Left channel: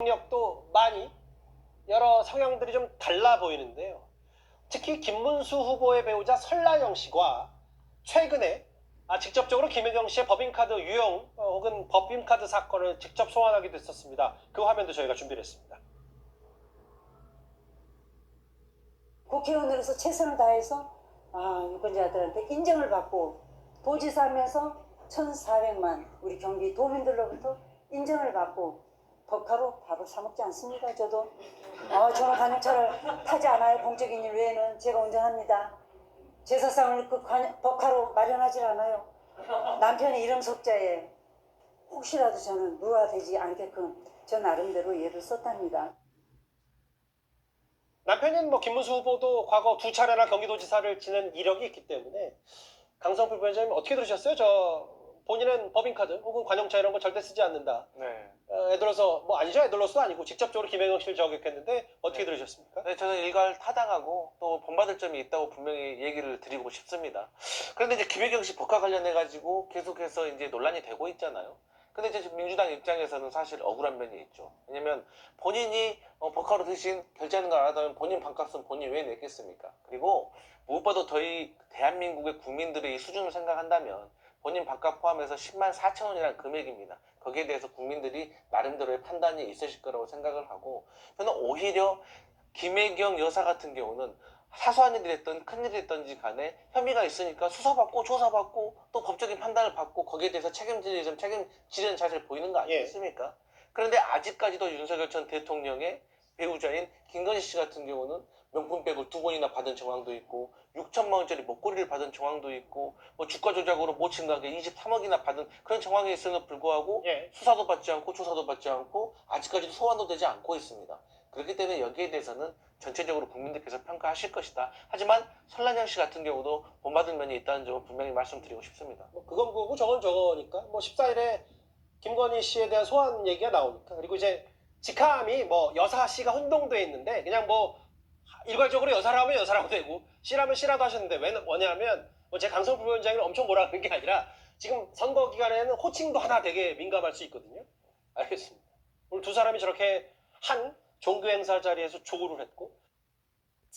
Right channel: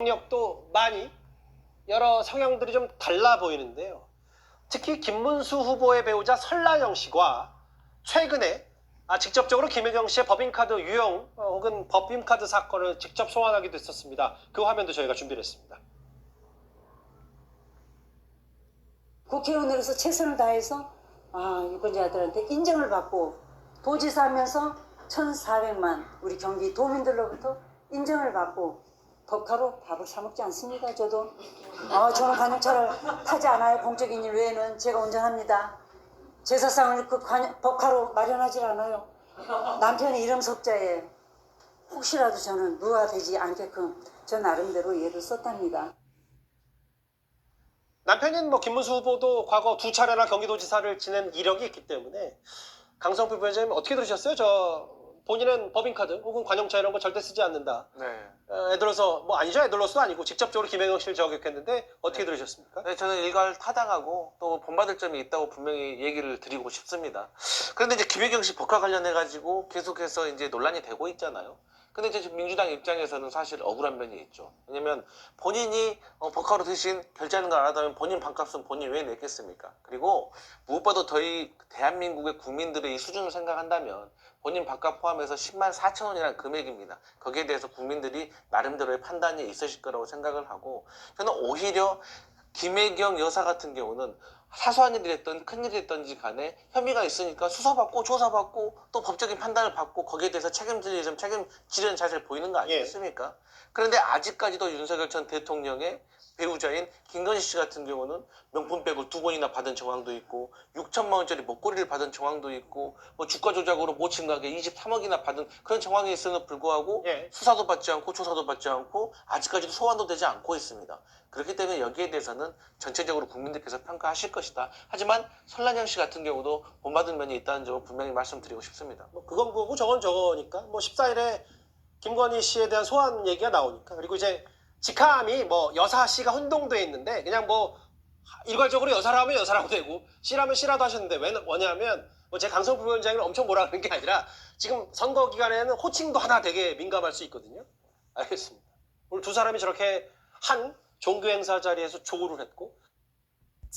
경력도 많이 여러 성향들이 좀 달라 보이는데요. 특히 김문수 후보의 배우자 설라영 씨와 최근에 아, 직접적으로 김혜경 씨의 법인카드 유용 어, 혹은 법인카드 사건을 직접 소환하기도 했었습니다. 그 화면도 저희가 준비를 했습니다. 국회의원으로서 최선을 다해서 아, 유권자들한테 인정을 받고 도지사 하면서 1,400만 우리 경기 도민들로부터 인정을 받고 법카로 밥을 사 먹지 않습니다. 저도 어, 저는 관용차를 타지 않아요. 공적인 일 외에는 제가 운전합니다. 제사상을 그 법카로 마련하지 않아요. 남편의 이름 석자에 혹시라도 저는 무화되지 않게끔 저 나름대로 예를 썼답니다. 남편인 뭐 김문수 후보도 과거 두 차례나 경기도지사를 지낸 이력이 있기 때문에 강성표 부회장님 어떻게 들으셨어요? 저 본인은 법인카드 혹은 관용차 이런 거 절대 쓰지 않는다. 네. 어, 애들로서 뭐 아니죠 애들로서 아니고 직접적으로 김혜경 씨를 저격했는데 어떻게 들으셨습니까? 네, 저는 일괄 타당하고 또 본받을 점이 있다고 분명히 얘기를 드리고 싶습니다. 그런데 이제 김혜경 씨 법과 관련해 가지고 계속해서 이제 논란이 되고 있잖아요. 근데 이제 민주당 입장에서는 사실 억울한 면이 있죠. 왜냐면 본인이 어, 법카로 대신 결제하는 걸안 하다면 본인 반값은 본인이 왜 냈겠습니까? 그리고 무엇보다 저희 대한민국의 국민들의 이 수준을 생각한다면 본인 밥값 포함해서 10만 4천 원이라는 금액입니다. 거기에 대해서 국민들이 나름대로의 판단이 있으실 거라고 생각을 하고 저는 오히려 김혜경 여사 같은 경우는 사소한 일이 됐든 큰 일이 됐든지 간에 혐의가 있으니까 수사받고 조사받고 또 법적인 판단을 받고 거기에 대해서 책임질 좀 책임지려는 자세를 보이는 거 아니겠습니까? 그런데 아직까지도 윤석열 전 대통령의 배우자인 김건희 씨 같은 경우는 명품백을 두 번이나 받은 정황도 있고 6천만 원짜리 목걸이를 받은 정황도 있고 뭐 주가 조작으로 모친 가게 23억이나 받은 그런 정황이 있음에도 불구하고 예. 수사도 받지 않고 조사도 받지 않고 아직까지도 소환도 되지 않고 있습니다. 그렇기 때문에 여기에 대해서는 전체적으로 국민들께서 평가하실 것이다. 하지만 설란영 씨 같은 경우도 본받은 면이 있다는 점을 분명히 말씀드리고 싶습니다. 뭐 그건 그거고 저건 저거니까 뭐 14일에 김건희 씨에 대한 소환 얘기가 나오니까 그리고 이제 직함이 뭐 여사 씨가 혼동돼 있는데 그냥 뭐 일괄적으로 여사라 하면 여사라고 되고 씨라면 씨라도 하셨는데 왜 뭐냐면 뭐 제 강성 부위원장이 엄청 뭐라 하는 게 아니라 지금 선거 기간에는 호칭도 하나 되게 민감할 수 있거든요. 알겠습니다. 오늘 두 사람이 저렇게 한 종교 행사 자리에서 조우를 했고